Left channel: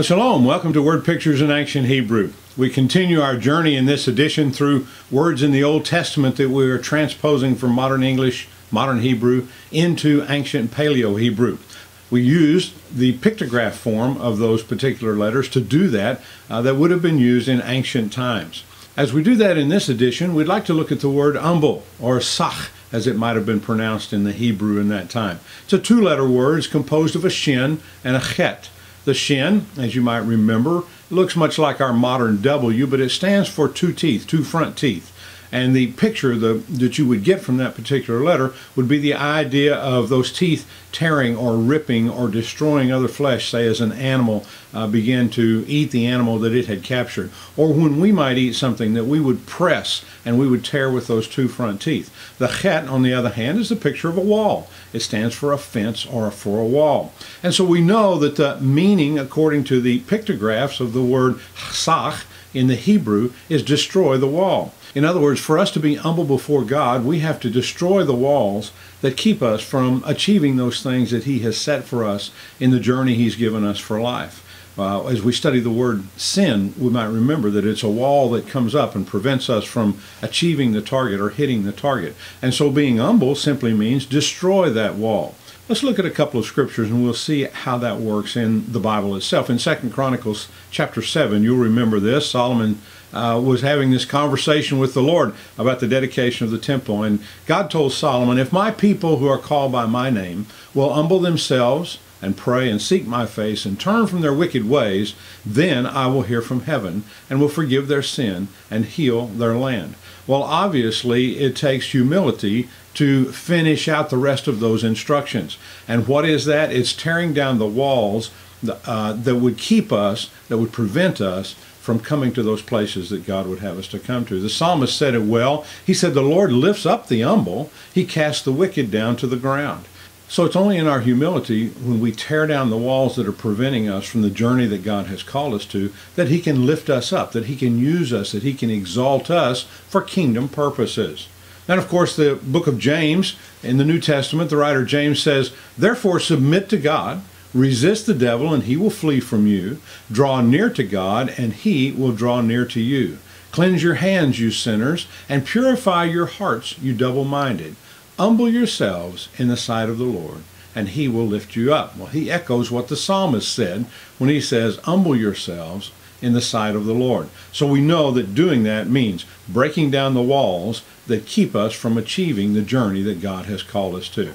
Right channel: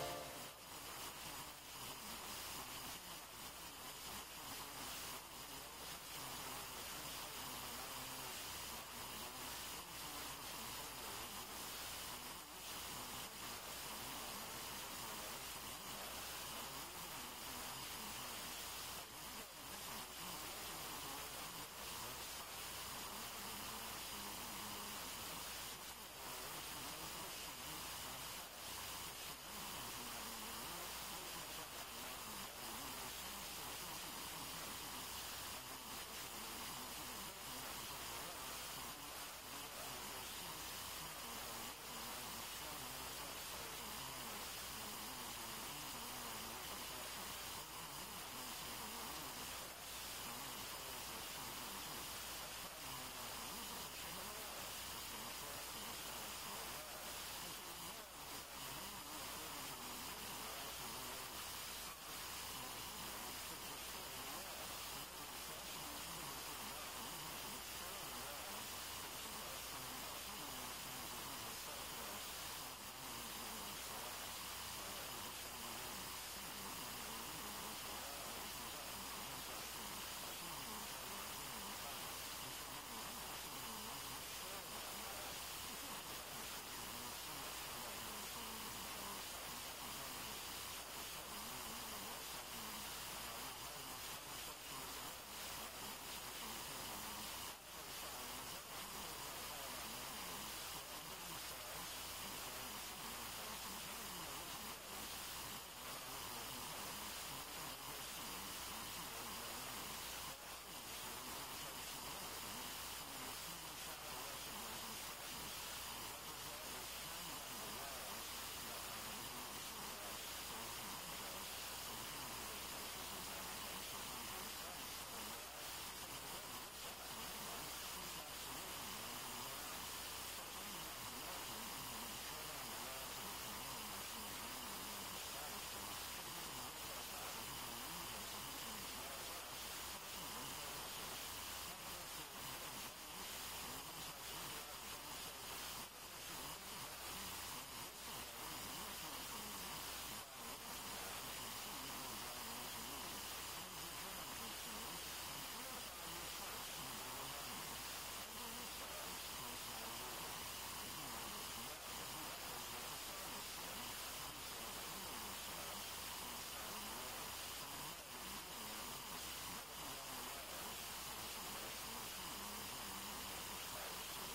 Well, shalom. Welcome to Word Pictures in Ancient Hebrew. We continue our journey in this edition through words in the Old Testament that we are transposing from modern English, modern Hebrew, into Ancient Paleo Hebrew. We used the pictograph form of those particular letters to do that would have been used in ancient times. As we do that in this edition, we'd like to look at the word umbel, or sach, as it might have been pronounced in the Hebrew in that time. It's a two-letter word. It's composed of a shin and a chet. The shin, as you might remember, looks much like our modern W, but it stands for two teeth, two front teeth. And the picture that you would get from that particular letter would be the idea of those teeth tearing or ripping or destroying other flesh, say as an animal began to eat the animal that it had captured. Or when we might eat something that we would press and we would tear with those two front teeth. The chet, on the other hand, is a picture of a wall. It stands for a fence or for a wall. And so we know that the meaning, according to the pictographs of the word sach in the Hebrew, is destroy the wall. In other words, for us to be humble before God, we have to destroy the walls that keep us from achieving those things that He has set for us in the journey He's given us for life. As we study the word sin, we might remember that it's a wall that comes up and prevents us from achieving the target or hitting the target. And so being humble simply means destroy that wall. Let's look at a couple of scriptures and we'll see how that works in the Bible itself. In 2 Chronicles chapter 7, you'll remember this. Solomon was having this conversation with the Lord about the dedication of the temple. And God told Solomon, if my people who are called by my name will humble themselves and pray and seek my face and turn from their wicked ways, then I will hear from heaven and will forgive their sin and heal their land. Well, obviously, it takes humility to finish out the rest of those instructions. And what is that? It's tearing down the walls that would keep us, that would prevent us from coming to those places that God would have us to come to. The psalmist said it well. He said, the Lord lifts up the humble. He casts the wicked down to the ground. So it's only in our humility, when we tear down the walls that are preventing us from the journey that God has called us to, that He can lift us up, that He can use us, that He can exalt us for kingdom purposes. And of course, the book of James, in the New Testament, the writer James says, therefore submit to God, resist the devil, and he will flee from you. Draw near to God, and He will draw near to you. Cleanse your hands, you sinners, and purify your hearts, you double-minded. Humble yourselves in the sight of the Lord, and He will lift you up. Well, he echoes what the psalmist said when he says, humble yourselves in the sight of the Lord. So we know that doing that means breaking down the walls that keep us from achieving the journey that God has called us to.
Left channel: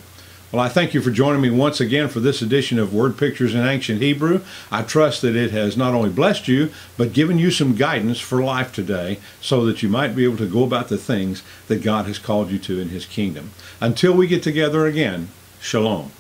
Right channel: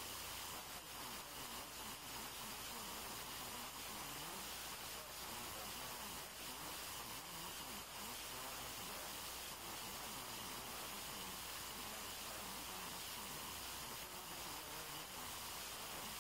Well, I thank you for joining me once again for this edition of Word Pictures in Ancient Hebrew. I trust that it has not only blessed you, but given you some guidance for life today so that you might be able to go about the things that God has called you to in His kingdom. Until we get together again, shalom.